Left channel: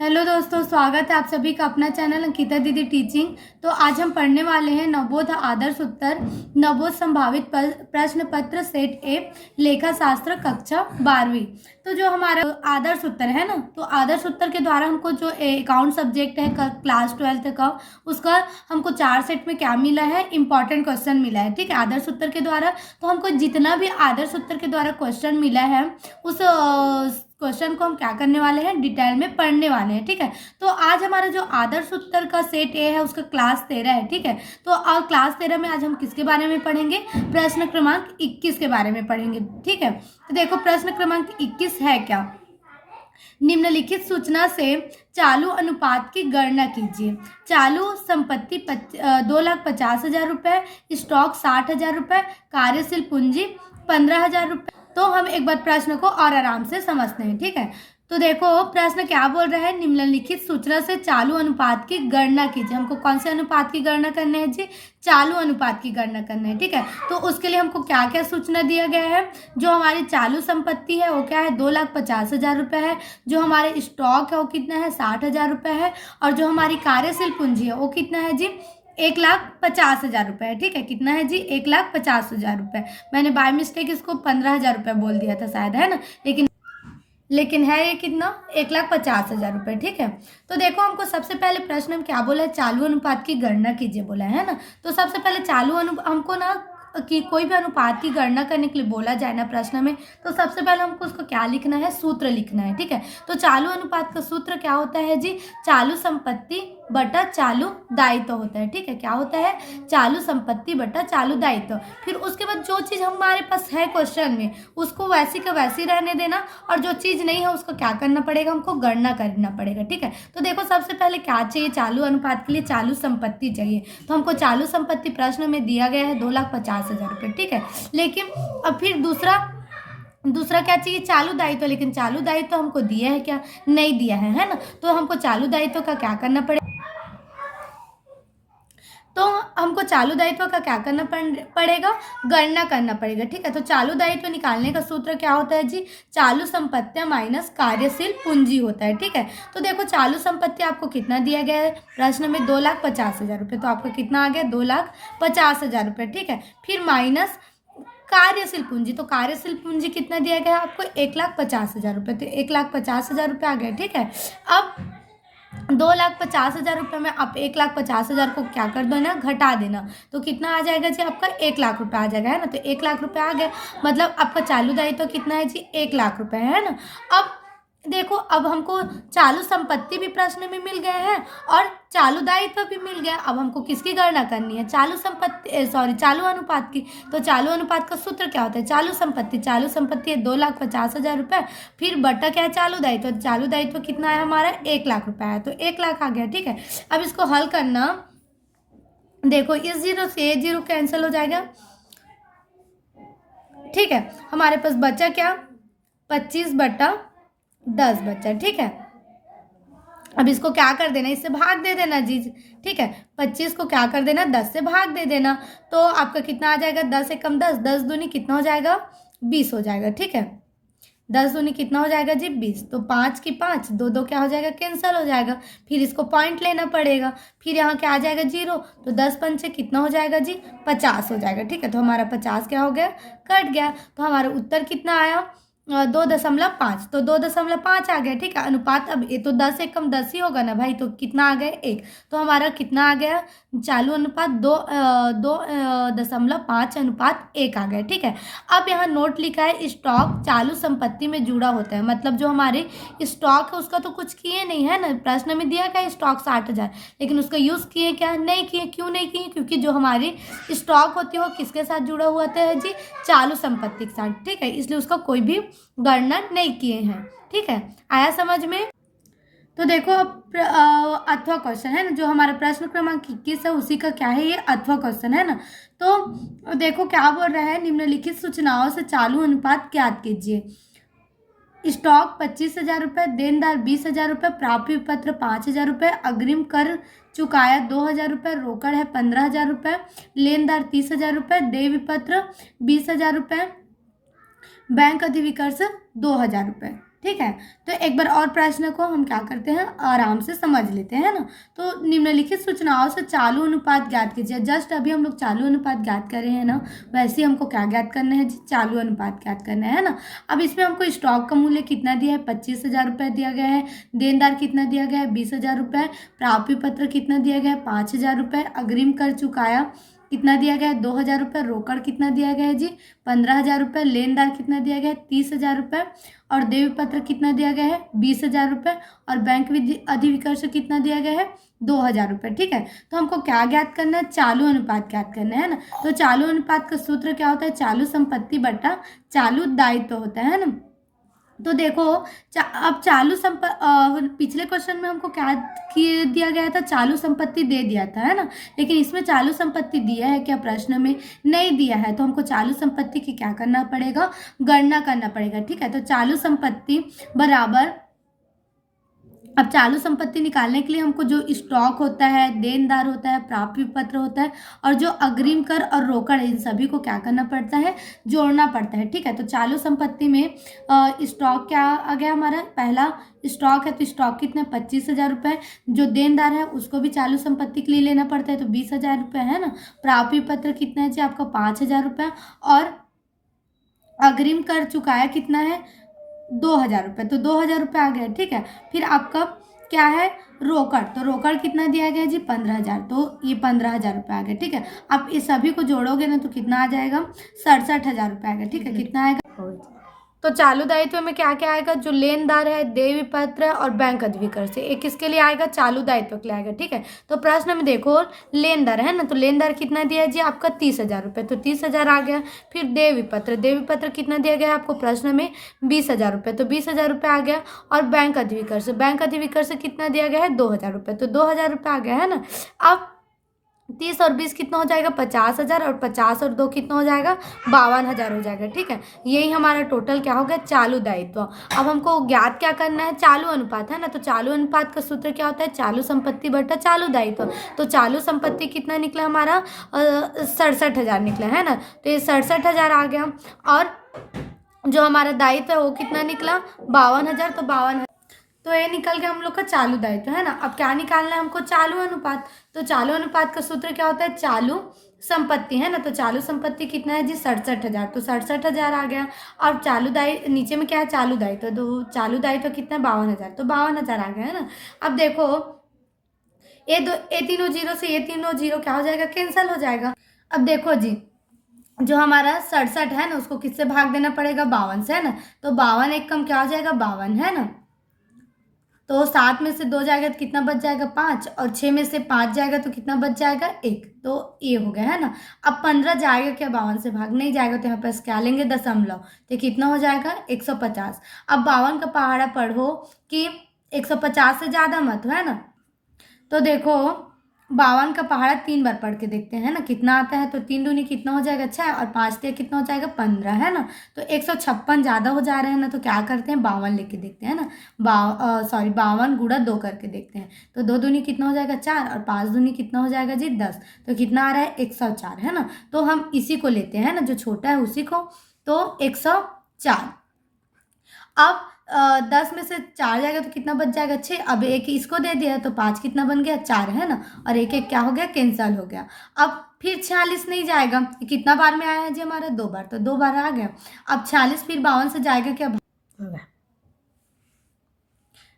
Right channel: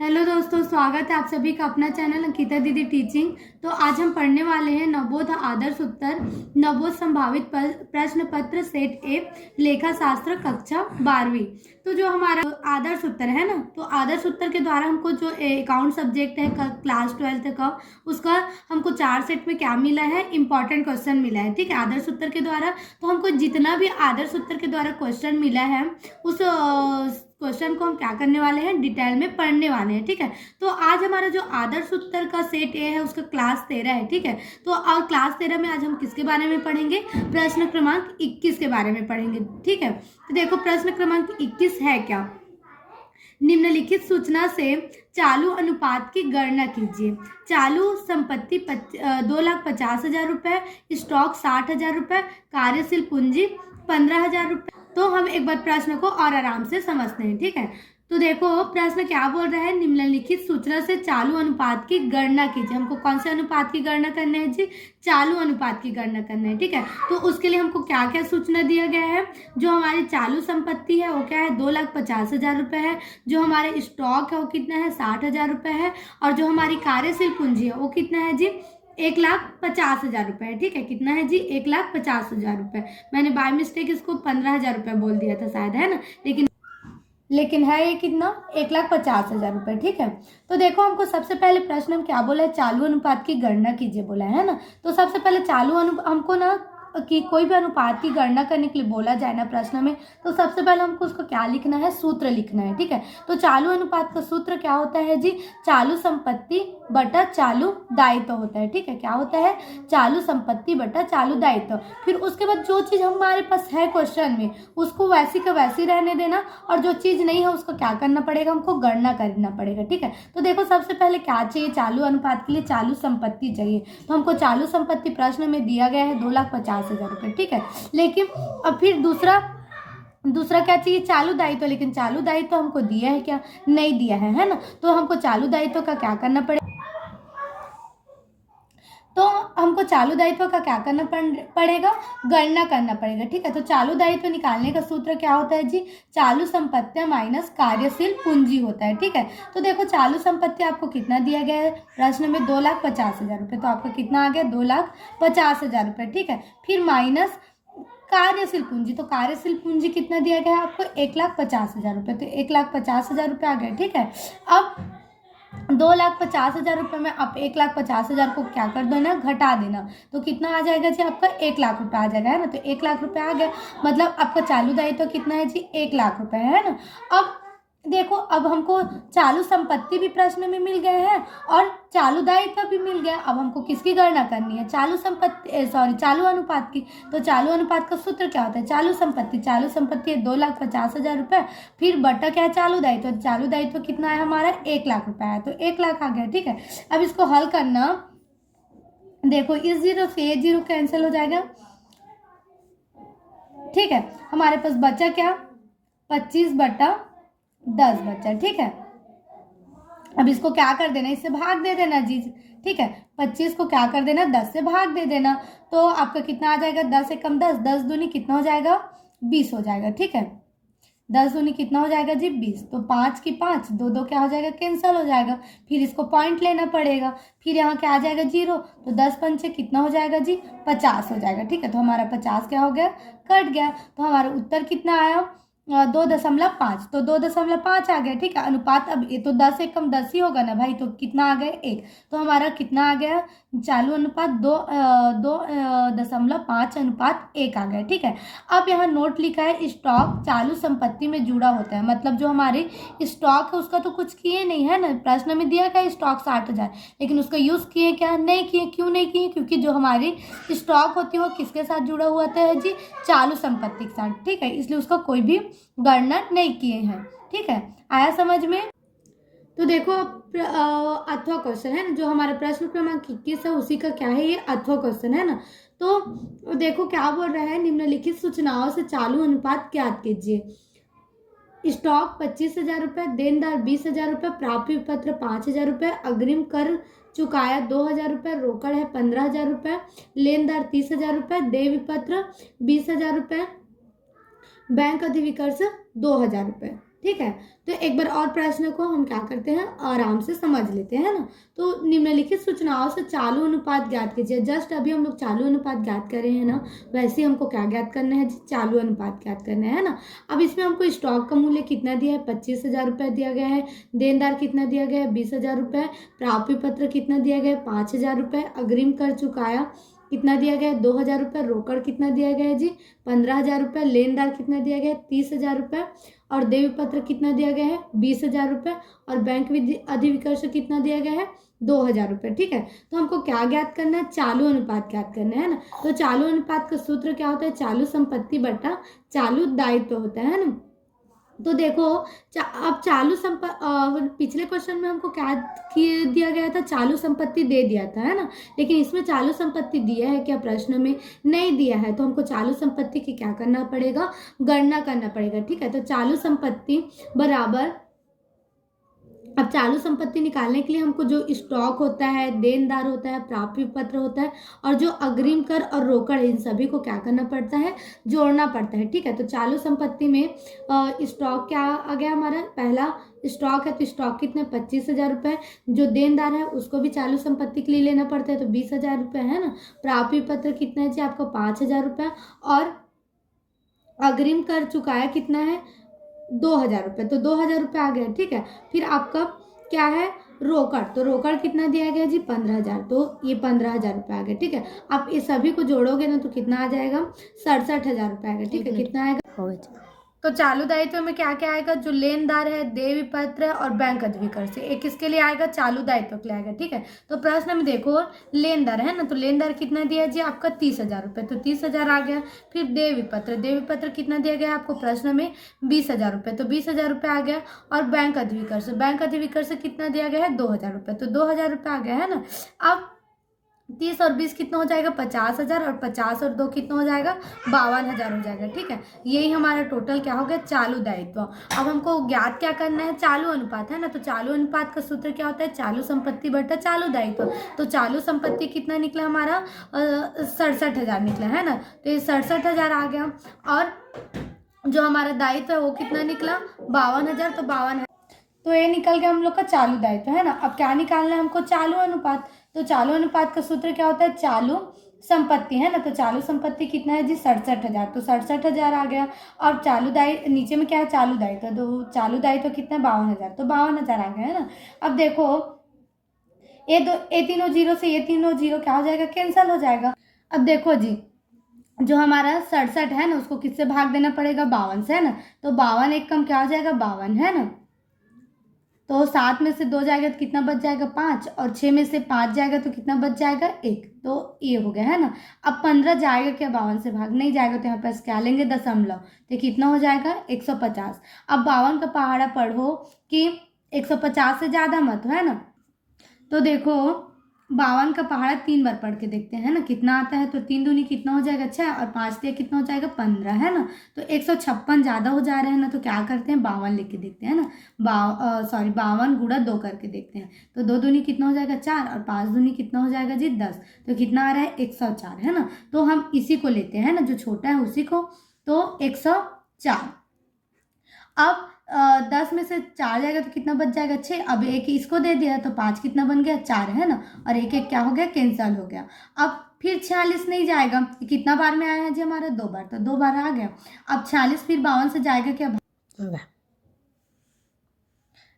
Hello दोस्तों, स्वागत है आप सभी का अपना चैनल अंकिता दीदी टीचिंग। तो आज हम पढ़ने वाले हैं नवोध आदर्श उत्तर नवोध संभावित प्रश्न पत्र सेट ए लेखा शास्त्र कक्षा 12वीं। तो जो हमारा आदर्श उत्तर है ना, तो आदर्श उत्तर के द्वारा हमको जो अकाउंट सब्जेक्ट है क्लास 12th का, उसका हमको 4 सेट में क्या मिला है, इंपॉर्टेंट क्वेश्चन मिला है। ठीक है, आदर्श उत्तर के द्वारा तो हमको जितना भी आदर्श उत्तर के द्वारा क्वेश्चन मिला है उस क्वेश्चन को हम क्या करने वाले हैं, डिटेल में पढ़ने वाले हैं। ठीक है, तो आज हमारा जो आदर्श उत्तर का सेट ए है उसका क्लास 13 है। ठीक है, तो क्लास 13 में आज हम किसके बारे में पढ़ेंगे, प्रश्न क्रमांक 21 के बारे में पढ़ेंगे। ठीक है, तो देखो प्रश्न क्रमांक 21 है क्या, निम्नलिखित सूचना से चालू अनुपात की गणना कीजिए। चालू संपत्ति 2,50,000 रुपए, स्टॉक 60,000 रुपए, कार्यशील पूंजी 15,000 रुपए। तो हम एक बार प्रश्न को और आराम से समझते हैं। ठीक है, तो देखो प्रश्न क्या बोल रहा है, निम्नलिखित सूचना से चालू अनुपात की गणना कीजिए। हमको कौन से अनुपात की गणना करना है जी, चालू अनुपात की गणना करना है। ठीक है, तो उसके लिए हमको क्या क्या सूचना दिया गया है, जो हमारी चालू संपत्ति है वो क्या है, 2,50,000 रुपए है। जो हमारे स्टॉक है वो कितना है, 60,000 रुपए है। और जो हमारी कार्यशील पूंजी है वो कितना है जी, 1,50,000 रुपए है। ठीक है, कितना है जी, 1,50,000 रुपए। मैंने बाय मिस्टेक इसको 15,000 रुपए बोल दिया था शायद, है ना, लेकिन है ये कितना, 1,50,000 रुपए। ठीक है, तो देखो हमको सबसे पहले प्रश्न में क्या बोला है, चालू अनुपात की गणना कीजिए बोला है ना। तो सबसे पहले हमको ना कि कोई भी अनुपात की गणना करने के लिए बोला जाए ना प्रश्न में, तो सबसे पहले हमको उसको क्या लिखना है, सूत्र लिखना है। ठीक है, तो चालू अनुपात का सूत्र क्या होता है जी, चालू संपत्ति बटा चालू दायित्व होता है। ठीक है, क्या होता है, चालू संपत्ति बटा चालू दायित्व। फिर उसके बाद जो चीज हमारे पास है क्वेश्चन में उसको वैसी का वैसी रहने देना, और जो चीज नहीं है उसको क्या करना पड़ेगा, हमको गणना करना पड़ेगा। ठीक है, तो देखो सबसे पहले क्या चाहिए, चालू अनुपात के लिए चालू संपत्ति चाहिए। तो हमको चालू संपत्ति प्रश्न में दिया गया है 2,50,000 रुपये। ठीक है, लेकिन अब फिर दूसरा क्या चाहिए, चालू दायित्व। लेकिन चालू दायित्व हमको दिया है क्या, नहीं दिया है ना। तो हमको चालू दायित्व का क्या करना पड़ेगा, तो हमको चालू दायित्व का क्या करना पड़ेगा, गणना करना पड़ेगा। ठीक है, तो चालू दायित्व निकालने का सूत्र क्या होता है जी, चालू संपत्तियां माइनस कार्यशील पूंजी होता है। ठीक है, तो देखो चालू संपत्ति आपको कितना दिया गया है प्रश्न में, 2,50,000 रुपये। तो आपको कितना आ गया, 2,50,000 रुपये। ठीक है, फिर माइनस कार्यशील पूंजी, तो कार्यशील पूंजी कितना दिया गया है आपको, 1,50,000 रुपये। तो 1,50,000 रुपये आ गए। ठीक है, अब 2,50,000 रुपये में आप 1,50,000 को क्या कर देना, घटा देना। तो कितना आ जाएगा जी, आपका 1,00,000 रुपये आ जाएगा, है ना। तो 1,00,000 रुपये आ गए, मतलब आपका चालू दायित्व तो कितना है जी, 1,00,000 रुपये है ना। अब देखो अब हमको चालू संपत्ति भी प्रश्न में मिल गए हैं और चालू दायित्व भी मिल गया। अब हमको किसकी गणना करनी है, चालू अनुपात की। तो चालू अनुपात का सूत्र क्या होता है, चालू संपत्ति है 2,50,000 रुपये, फिर बटा क्या है, चालू दायित्व कितना है हमारा, 1,00,000 रुपये है। तो 1,00,000 आ गया। ठीक है, अब इसको हल करना, देखो इस 0 से 0 कैंसिल हो जाएगा। ठीक है, हमारे पास बचा क्या, 25/10 बचा। ठीक है, अब इसको क्या कर देना, इससे भाग दे देना जी। ठीक है, 25 को क्या कर देना, 10 से भाग दे देना। तो आपका कितना आ जाएगा, 10 एकम 10, 10 दूनी कितना हो जाएगा, 20 हो जाएगा। ठीक है, 10 दूनी कितना हो जाएगा जी, 20। तो 5 की 5, 2 क्या हो जाएगा, कैंसल हो जाएगा। फिर इसको पॉइंट लेना पड़ेगा, फिर यहाँ क्या आ जाएगा 0। तो 10 पंचे कितना हो जाएगा जी, 50 हो जाएगा। ठीक है, तो हमारा 50 क्या हो गया, कट गया। तो हमारा उत्तर कितना आया, 2.5। तो 2.5 आ गया। ठीक है, अनुपात अब ये तो 10 एकम 10 ही होगा ना भाई, तो कितना आ गया, 1। तो हमारा कितना आ गया, चालू अनुपात 2.5:1 आ गया। ठीक है, अब यहाँ नोट लिखा है, स्टॉक चालू संपत्ति में जुड़ा होता है। मतलब जो हमारे स्टॉक है उसका तो कुछ किए नहीं है ना, प्रश्न में दिया क्या, स्टॉक 60,000, लेकिन उसका यूज किए क्या, नहीं किए। क्यों नहीं किए, क्योंकि जो हमारी स्टॉक होती है वो किसके साथ जुड़ा हुआ था जी, चालू संपत्ति के साथ। ठीक है, इसलिए उसका कोई भी गणना नहीं किए हैं। ठीक है, आया समझ में। तो देखो अथवा क्वेश्चन है ना, जो हमारा प्रश्न क्रमांक 21 है उसी का क्या है, ये अथवा क्वेश्चन है ना। तो देखो क्या बोल रहा है, निम्नलिखित सूचनाओं से चालू अनुपात ज्ञात कीजिए। स्टॉक 25,000 रुपये, देनदार 20,000 रुपये, प्राप्य पत्र 5,000 रुपये, अग्रिम कर चुकाया 2,000 रुपये, रोकड़ है 15,000 रुपये, लेनदार 30,000 रुपये, देय विपत्र 20,000 रुपये, बैंक अधिविकर्ष 2,000 रुपये। ठीक है। तो एक बार और प्रश्न को हम क्या करते हैं, आराम से समझ लेते हैं ना। तो निम्नलिखित सूचनाओं से चालू अनुपात ज्ञात कीजिए। जस्ट अभी हम लोग चालू अनुपात ज्ञात कर रहे हैं ना, वैसे ही हमको क्या ज्ञात करना है जी, चालू अनुपात ज्ञात करना है ना। अब इसमें हमको स्टॉक का मूल्य कितना दिया है, 25,000 रुपये दिया गया है। देनदार कितना दिया गया है, 20,000 रुपये। प्राप्य पत्र कितना दिया गया है, 5,000 रुपये। अग्रिम कर चुकाया कितना दिया गया है, 2,000 रुपये। रोकड़ कितना दिया गया है जी, 15,000 रुपये। लेनदार कितना दिया गया है, 30,000 रुपये। और देय पत्र कितना दिया गया है, 20,000 रुपये। और बैंक अधिविकर्ष कितना दिया गया है, 2,000 रुपये। ठीक है। तो हमको क्या ज्ञात करना है, चालू अनुपात ज्ञात करना है ना। तो चालू अनुपात का सूत्र क्या होता है, चालू संपत्ति बटा चालू दायित्व होता है ना। तो देखो अब पिछले क्वेश्चन में हमको क्या दिया गया था, चालू संपत्ति दे दिया था, है ना। लेकिन इसमें चालू संपत्ति दिया है क्या, प्रश्न में नहीं दिया है। तो हमको चालू संपत्ति की क्या करना पड़ेगा, गणना करना पड़ेगा। ठीक है। तो चालू संपत्ति बराबर, अब चालू संपत्ति निकालने के लिए हमको जो स्टॉक होता है, देनदार होता है, प्राप्य पत्र होता है, और जो अग्रिम कर और रोकड़, इन सभी को क्या करना पड़ता है, जोड़ना पड़ता है। ठीक है। तो चालू संपत्ति में स्टॉक क्या आ गया हमारा, पहला स्टॉक है तो स्टॉक कितने, 25,000 रुपये। जो देनदार है उसको भी चालू संपत्ति के लिए लेना पड़ता है, तो 20,000 रुपये, है ना। प्राप्य पत्र कितना है जी आपका, 5,000 रुपये। और अग्रिम कर चुकाया कितना है, 2,000 रुपये। तो 2,000 रुपये आ गया। ठीक है। फिर आपका क्या है, रोकड़। तो रोकड़ कितना दिया गया जी, 15,000। तो ये 15,000 रुपये आ गया। ठीक है। आप इस सभी को जोड़ोगे ना तो कितना आ जाएगा, 67,000 रुपये आएगा। ठीक है। कितना आएगा, तो चालू दायित्व में क्या क्या आएगा, जो लेनदार है, देय पत्र और बैंक अधिविकर्ष से, एक किसके लिए आएगा, चालू दायित्व के लिए आएगा। ठीक है। तो प्रश्न में देखो लेनदार है ना, तो लेनदार कितना दिया जी आपका, 30,000 रुपये। तो 30,000 आ गया। फिर देय पत्र कितना दिया गया आपको प्रश्न में, 20,000 रुपये। तो 20,000 रुपये आ गया। और बैंक अधिविकर्ष कितना दिया गया है, 2,000 रुपये। तो 2,000 रुपये आ गया, है ना। अब 30 और 20 कितना हो जाएगा, 50,000। और 50 और 2 कितना हो जाएगा, 52,000 हो जाएगा। ठीक है। यही हमारा टोटल क्या हो गया, चालू दायित्व। अब हमको ज्ञात क्या करना है, चालू अनुपात, है ना। तो चालू अनुपात का सूत्र क्या होता है, चालू संपत्ति बटा चालू दायित्व। तो चालू संपत्ति कितना निकला हमारा, 67,000 निकला, है ना। तो ये 67,000 आ गया। और जो हमारा दायित्व है वो कितना निकला, 52,000। तो 52,000, तो ये निकल गया हम लोग का चालू दायित्व, है ना। अब क्या निकालना है हमको, चालू अनुपात। तो चालू अनुपात का सूत्र क्या होता है, चालू संपत्ति, है ना। तो चालू संपत्ति कितना है जी, 67,000। तो 67,000 आ गया। और चालू दायित्व नीचे में क्या है, चालू दायित्व। तो चालू दायित्व कितना है, 52,000। तो 52,000 आ गया, है ना। अब देखो ये तीनों जीरो से ये तीनों जीरो क्या हो जाएगा, कैंसिल हो जाएगा। अब देखो जी, जो हमारा 67 है ना, उसको किससे भाग देना पड़ेगा, 52 से, है ना। तो 52 एक कम क्या हो जाएगा, 52, है ना। तो 7 में से 2 जाएगा तो कितना बच जाएगा, 5। और 6 में से 5 जाएगा तो कितना बच जाएगा, 1। तो ये हो गया, है ना। अब 15 जाएगा क्या, 52 से भाग नहीं जाएगा, तो यहाँ पास क्या लेंगे, दशमलव। तो कितना हो जाएगा, 150। अब 52 का पहाड़ा पढ़ो कि 150 से ज़्यादा मत हो, है ना। तो देखो 52 का पहाड़ा 3 बार पढ़ के देखते हैं ना, कितना आता है। तो 3 दूनी कितना हो जाएगा, 6। और 5 से कितना हो जाएगा, 15, है ना। तो 156 ज़्यादा हो जा रहे हैं ना, तो क्या करते हैं, 52 लेके देखते हैं ना। 52 गुणा 2 करके देखते हैं। तो 2 दूनी कितना हो जाएगा, 4। और 5 दूनी कितना हो जाएगा जी, 10। तो कितना आ रहा है, 104, है ना। तो हम इसी को लेते हैं ना, जो छोटा है उसी को। तो 104। अब 10 में से 4 जाएगा तो कितना बच जाएगा, 6। अब एक इसको दे दिया तो 5 कितना बन गया, 4, है ना। और एक एक क्या हो गया, कैंसल हो गया। अब फिर 46 नहीं जाएगा, कितना बार में आया है जी हमारा, 2 बार। तो 2 बार आ गया। अब 46 फिर 52 से जाएगा क्या,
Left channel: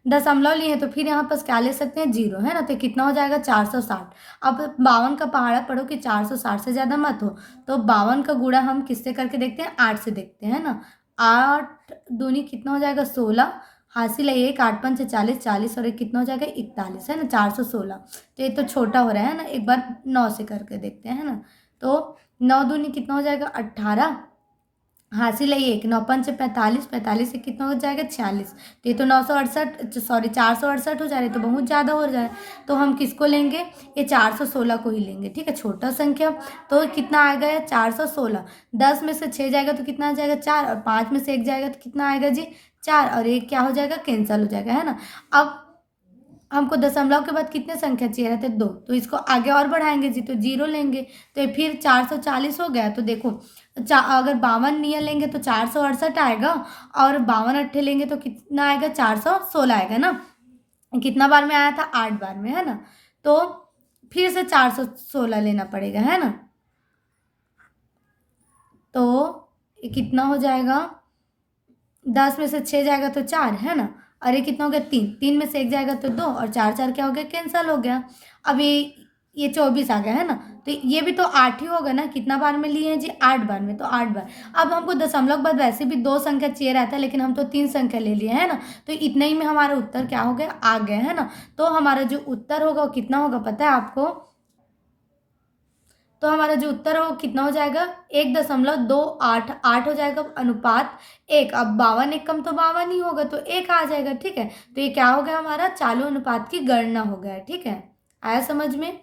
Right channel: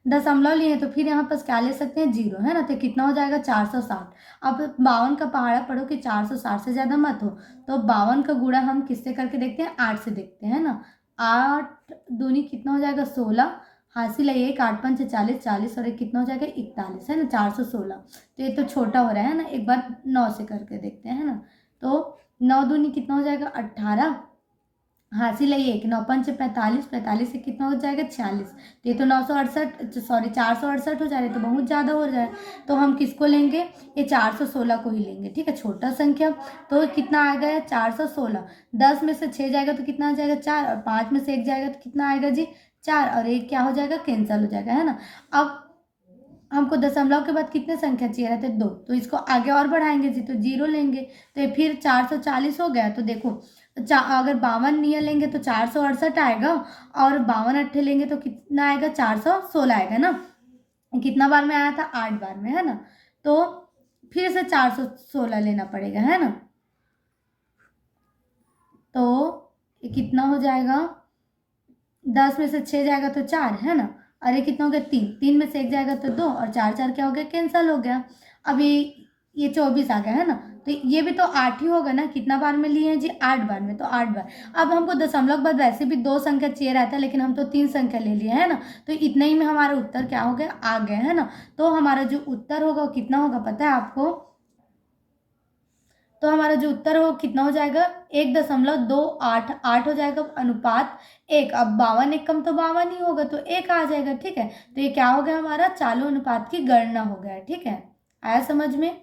दशमलव लिए तो फिर यहाँ पर क्या ले सकते हैं, 0, है ना। तो कितना हो जाएगा, 460। अब 52 का पहाड़ा पढ़ो कि 460 से ज़्यादा मत हो। तो 52 का गुणा हम किससे करके देखते हैं, 8 से देखते हैं ना। 8 दूनी कितना हो जाएगा, 16। हासिल है 1, 8 पंच 40, 40 और 1 कितना हो जाएगा, 41, है ना। 416। तो ये तो छोटा हो रहा है ना, एक बार 9 से करके देखते हैं, है ना। तो 9 दूनी कितना हो जाएगा, 18। हासिल है 1, 9 पंच 45, 45 से कितना हो जाएगा, 46। तो ये तो 468 हो जा रहे, तो बहुत ज़्यादा हो जाए। तो हम किसको लेंगे, ये 416 को ही लेंगे। ठीक है, छोटा संख्या। तो कितना आ गया, 416। 10 में से 6 जाएगा तो कितना आ जाएगा, 4। और 5 में से 1 जाएगा तो कितना आएगा जी, 4। और 1 क्या हो जाएगा, कैंसिल हो जाएगा, है ना। अब हमको दशमलव के बाद कितने संख्या चाहिए रहते, 2। तो इसको आगे और बढ़ाएंगे जी, तो 0 लेंगे। तो फिर 440 हो गया। तो देखो अगर 52 नियर लेंगे तो 468 आएगा, और 52 अट्ठे लेंगे तो कितना आएगा, 416 आएगा ना। कितना बार में आया था, 8 बार में, है ना। तो फिर से 416 लेना पड़ेगा, है ना। तो ये कितना हो जाएगा, 10 में से 6 जाएगा तो 4, है ना। और ये कितना हो गया, 3, 3 में से 1 जाएगा तो 2, और 4 4 क्या हो गया, कैंसल हो गया। अब ये 24 आ गया, है ना। तो ये भी तो 8 ही होगा ना, कितना बार में लिए हैं जी, 8 बार में, तो 8 बार। अब हमको दशमलव के बाद वैसे भी 2 संख्या चाहिए रहता है, लेकिन हम तो 3 संख्या ले लिए, है ना। तो इतना ही में हमारा उत्तर क्या हो गया, आ गया, है ना। तो हमारा जो उत्तर होगा वो कितना होगा पता है आपको। तो हमारा जो उत्तर है वो कितना हो जाएगा, 1.288 हो जाएगा, अनुपात 1। अब 52 एक कम तो 52 ही होगा, तो 1 आ जाएगा, ठीक है। तो ये क्या हो गया, हमारा चालू अनुपात की गणना हो गया, ठीक है। आया समझ में।